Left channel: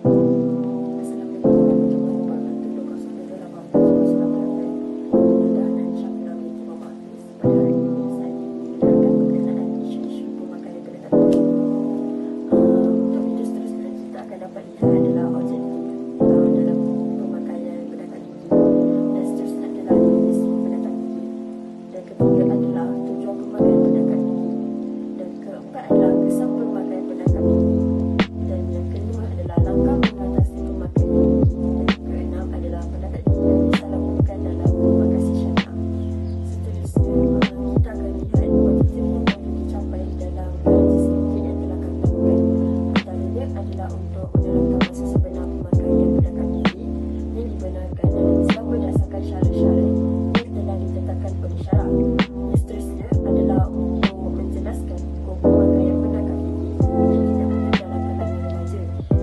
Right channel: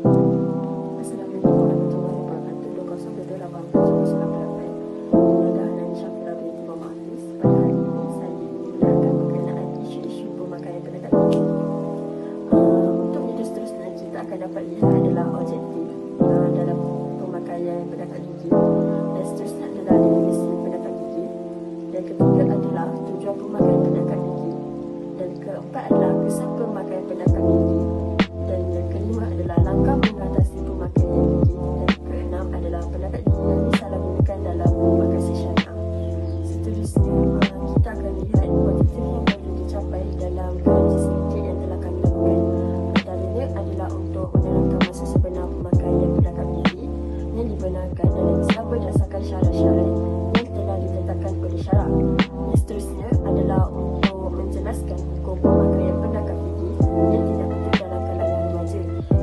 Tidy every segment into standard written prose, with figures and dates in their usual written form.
Assalamualaikum warahmatullahi wabarakatuh. 2022 Jenderal dari Syafila binti Muhafiz. Pada hari ini saya ingin menerangkan berkenaan isu-isu pemakaian pendekat gigi. Untuk video seterusnya, kita akan dapat lihat adalah objektif dalam pemakaian pendekat gigi, dan seterusnya adalah definisi pendekat gigi, dan ketiga adalah tujuan pemakaian pendekat gigi, dan keempat adalah kesan pemakaian pendekat gigi, dan yang kelima adalah langkah mengatasi pemakaian gigi, dan keenam adalah pendekat gigi yang disalahgunakan dalam pemakasan syariah. Seterusnya, kita akan lihat objektif yang perlu dicapai dalam gaji sedikit yang telah kami lakukan. Antaranya adalah untuk menerangkan masa sebenar pemakaian pendekat gigi yang dibenarkan dalam Islam berdasarkan syarat-syarat yang telah ditetapkan oleh syarak. Yang seterusnya adalah untuk menjelaskan hukum pemakaian pendekat gigi yang tidak penting dalam kalangan remaja.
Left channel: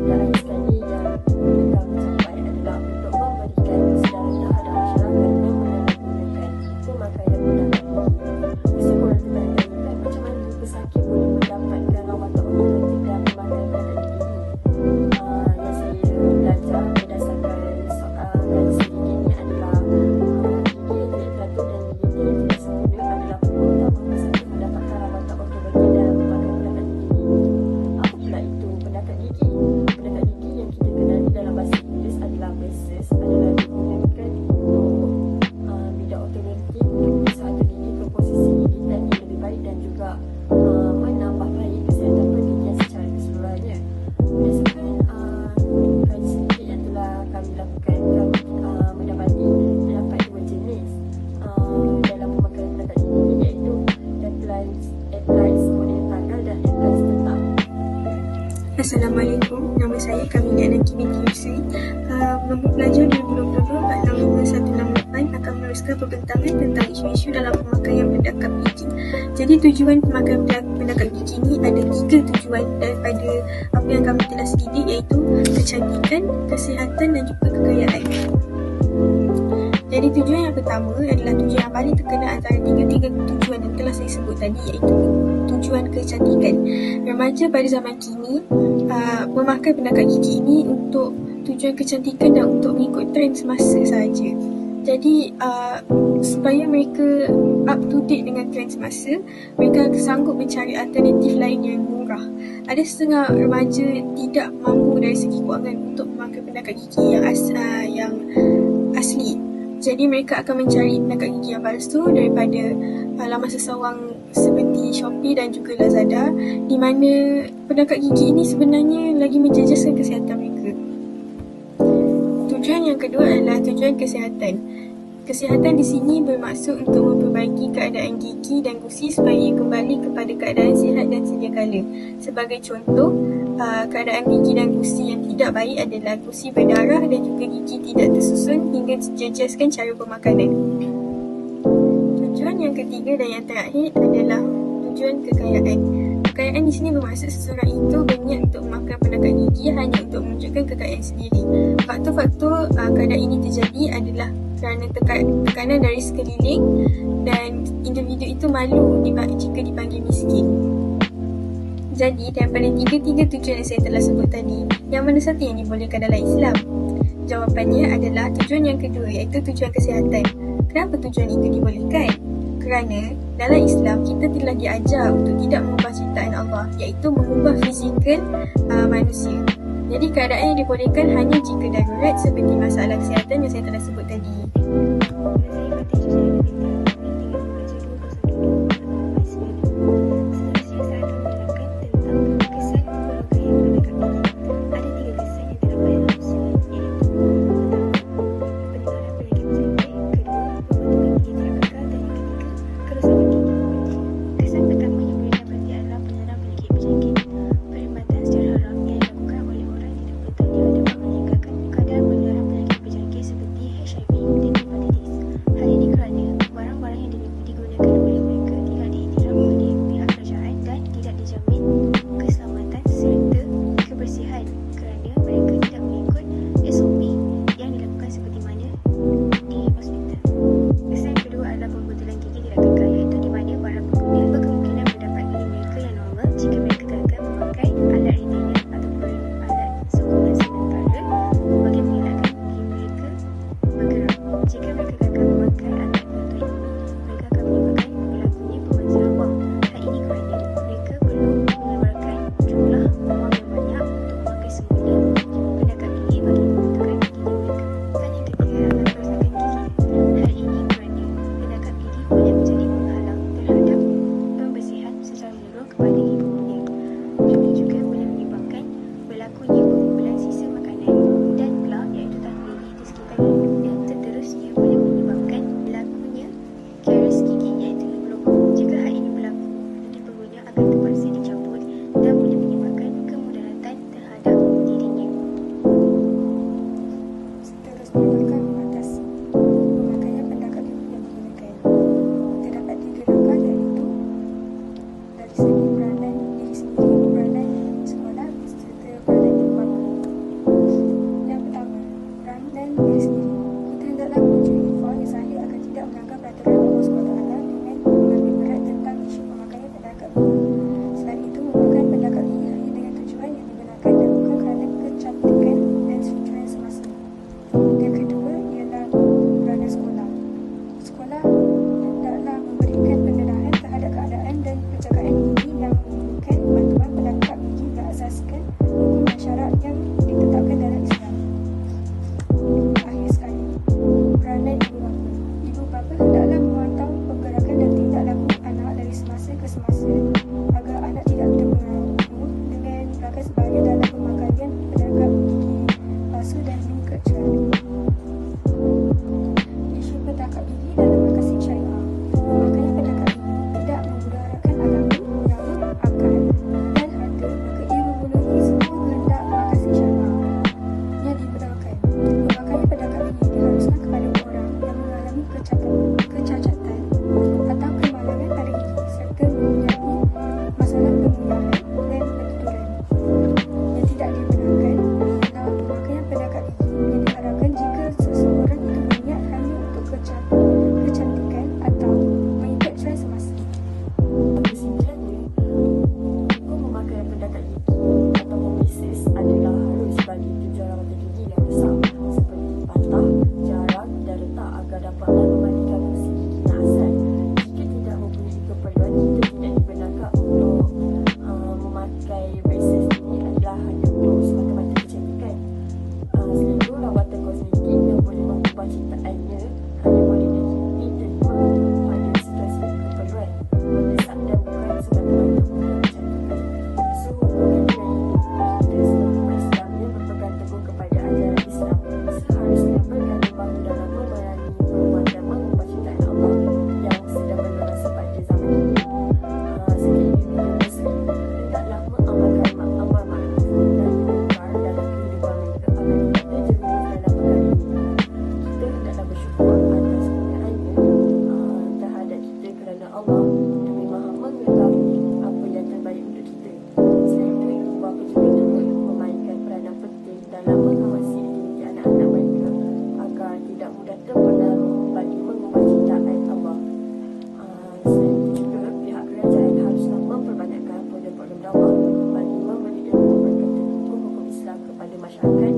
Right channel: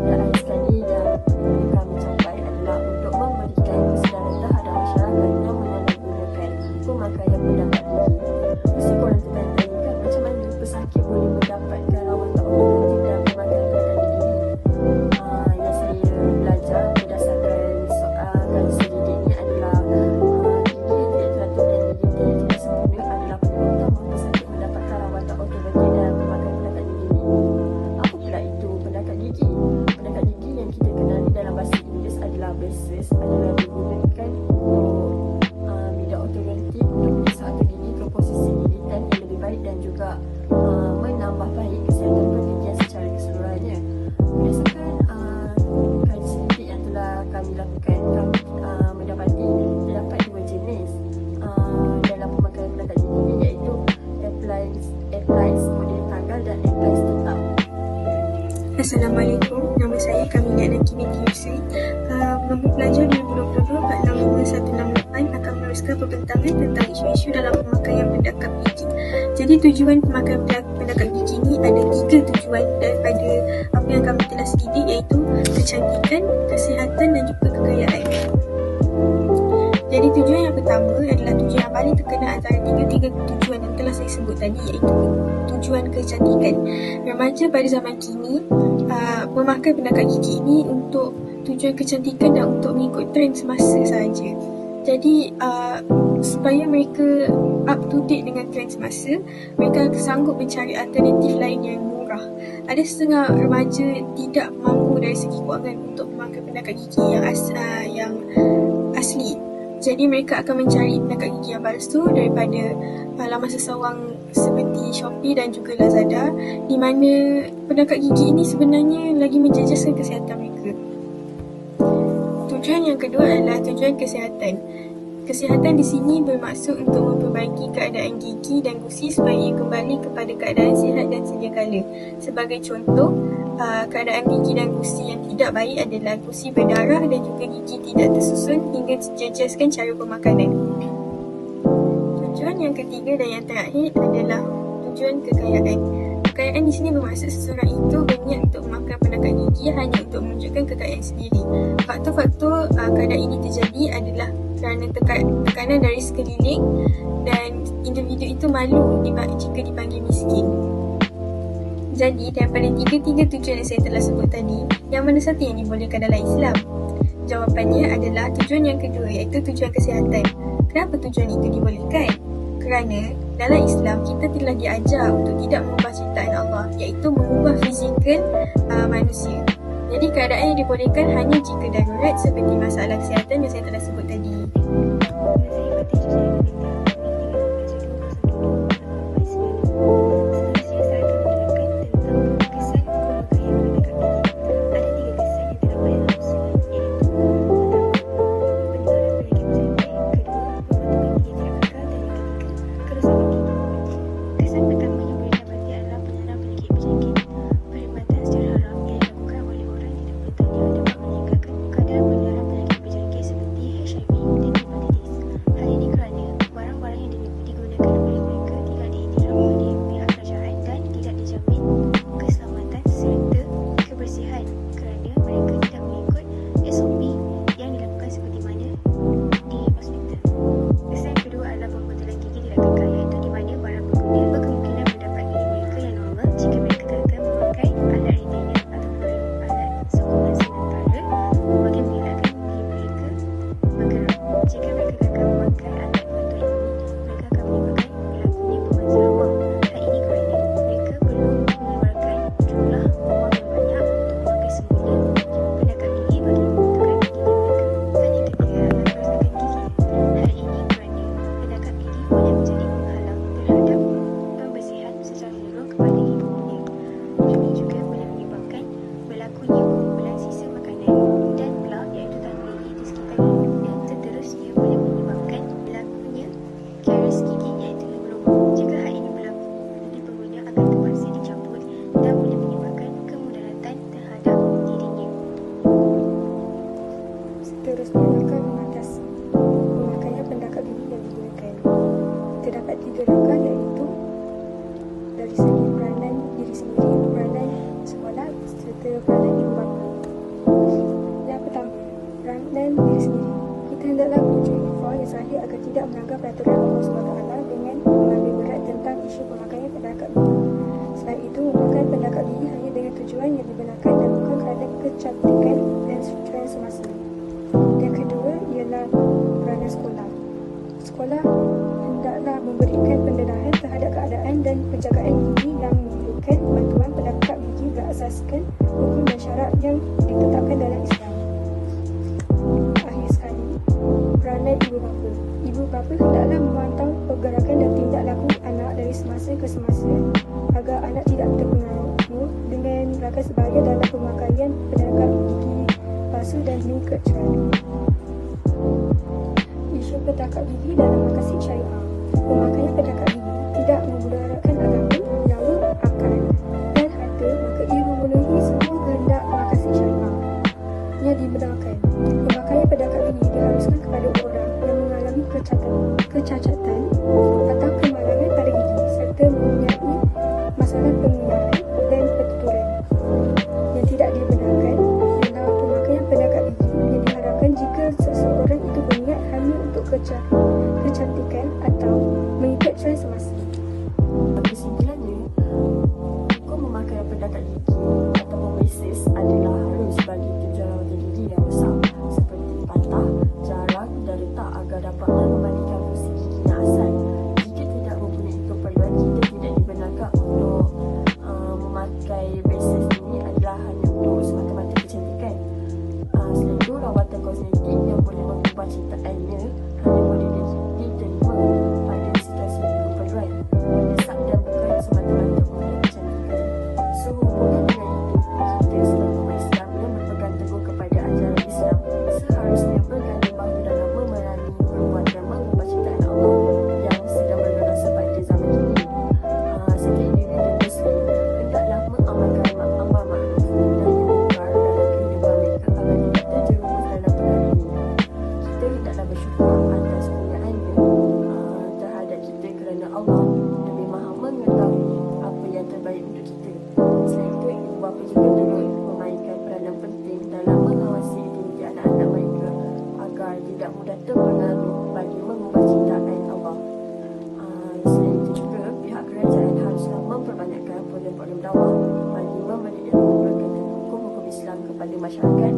Dan akhir sekali yang kami capai adalah untuk memberikan kesedaran terhadap masyarakat yang menyalahgunakan pemakaian pendekat gigi. Mesti korang tertanya, macam mana pesakit boleh mendapatkan rawatan obat dengan pemakaian pendekat gigi? Yang saya belajar berdasarkan soal gaji sedikit ni adalah gigi yang tidak teratur dan gigi yang tidak sempurna adalah penyebab utama pesakit mendapatkan rawatan ortodontik dan pemakaian pendekat gigi. Apa pula itu pendekat gigi? Pendekat gigi yang kita kenali dalam bahasa Inggeris adalah braces, adalah digunakan untuk bidang ortodontik untuk menyusun gigi ke posisi gigitan yang lebih baik dan juga menambah baik kesihatan pergigian secara keseluruhannya. Berdasarkan gaji sedikit yang telah kami lakukan, kami mendapati terdapat dua jenis dalam pemakaian pendekat gigi, iaitu appliance model tanggal dan appliance tetap. Assalamualaikum, nama saya Kamilah Naki binti Yusri. Nombor pelajar 2022 462 168 akan meneruskan perbincangan tentang isu-isu dalam pemakaian pendekat gigi. Jadi tujuan pemakaian pendekat gigi ni ada 3 tujuan daripada apa yang kami telah selidik, iaitu kecantikan, kesihatan dan juga kekayaan. Jadi tujuan yang pertama adalah tujuan yang paling terkenal antara tiga tujuan yang telah saya sebut tadi, iaitu tujuan kecantikan. Remaja pada zaman kini memakai pendekat gigi ini untuk tujuan kecantikan dan untuk mengikut trend semasa sahaja. Jadi supaya mereka up to date dengan trend semasa, mereka sanggup mencari alternatif lain yang murah. Ada setengah remaja tidak mampu dari segi kewangan untuk memakai pendekat gigi yang asli. Jadi mereka akan mencari pendekat gigi yang palsu daripada laman seseorang seperti Shopee dan juga Lazada, di mana pendekat gigi ini sebenarnya lagi menjejaskan kesihatan mereka. Tujuan yang kedua adalah tujuan kesihatan. Kesihatan di sini bermaksud untuk memperbaiki keadaan gigi dan gusi supaya ia kembali kepada keadaan sihat dan sedia kala. Sebagai contoh, keadaan gigi dan gusi yang tidak baik adalah gusi berdarah dan juga gigi tidak tersusun hingga jejaskan cara pemakanan. Tujuan yang ketiga dan yang terakhir adalah tujuan kekayaan. Kekayaan di sini bermaksud seseorang itu berniat untuk memakai pendekat gigi hanya untuk menunjukkan kekayaan sendiri. Faktor-faktor keadaan ini terjadi adalah kerana tekanan dari sekeliling dan individu itu malu jika dipanggil miskin. Jadi, daripada tiga tujuan yang saya telah sebut tadi, yang mana satu yang dibolehkan dalam Islam? Jawapannya adalah tujuan yang kedua, iaitu tujuan kesihatan. Kenapa tujuan itu dibolehkan? Kerana dalam Islam kita telah diajar untuk tidak mengubah ciptaan Allah, iaitu mengubah fizikal manusia. Jadi keadaan yang dibolehkan hanya jika darurat seperti masalah kesihatan yang saya telah sebut tadi. Hal ini kerana barang peranan ibu bapa. Yang pertama, peranan diri sendiri. Kita hendaklah menunjukkan infak yang sahih agar tidak melanggar peraturan Allah SWT dengan mengambil berat tentang isu pemakaian pendekat gigi. Selain itu, memakai pendekat gigi hanya dengan tujuan yang dibenarkan dan bukan kerana kecantikan dan tren semasa. Yang kedua ialah peranan sekolah. Sekolah hendaklah memberikan pendedahan terhadap keadaan dan penjagaan gigi yang memerlukan bantuan pendekat gigi berasaskan hukum dan syarat yang ditetapkan dalam Islam. Akhir sekali, peranan ibu bapa. Ibu bapa hendaklah memantau pergerakan dan tindak laku anak dari semasa ke semasa agar anak tidak terpengaruh dengan rakan sebaya dalam pemakaian pendekat gigi palsu dan lingkar cermin. Isu pendekat gigi dalam makasih syariah. Pemakaian pendekat gigi tidak memudaratkan agama, nyawa, akal dan harta, maka ia memenuhi semua kehendak makasih syariah yang dibenarkan. Pemakaian pendekat gigi diharuskan kepada orang yang mengalami kecacatan atau kemalangan pada gigi serta mempunyai masalah pengliharan dan pentuturan. Yang tidak dibenarkan adalah pemakaian pendekat gigi yang diharapkan jika seseorang itu berniat hanya untuk kecantikan atau mengikut tren semasa. Kesimpulannya, hukum memakai pendekat gigi ataupun braces adalah harus bagi tujuan gigi yang besar seperti patah, jarang dan retak agar dapat memandingkan fungsi gigi yang asal. Jika tidak mempunyai keperluan, kita tidak dibenarkan untuk memakai braces ini adalah hanya untuk semata-mata kecantikan. Selain itu, rawatan kosmetik yang boleh mengubah ciptaannya hanya boleh diterima pada situasi keperluan, mendesak dan bukan semata-mata untuk kecantikan. Sehubungan dengan itu, kita sebagai umat Islam yang berpegang teguh kepada ajaran Islam seharusnya berganding bahu dalam memerangi perbuatan mengubah ciptaan Allah yang sedang berlangsung pada zaman ini. Sebagai individu Muslim, hendaklah mengamalkan amal ma'ruf dan munkar dalam kehidupan mereka agar kita jerumus dalam perkara ini. Kita hendaklah bersyukur atas kurniaannya terhadap kita kerana Allah lebih maha mengetahui apa yang terbaik untuk kita. Selain itu, ibu bapa juga perlu memainkan peranan penting dalam mengawasi aktiviti anak-anak mereka agar tidak mudah terpengaruh bagi mengubah ciptaan Allah. Selain itu juga, pihak kerajaan haruslah memperbanyakkan program-program dakwah bagi memberi ilmu berkaitan hukum-hukum Islam kepada masyarakat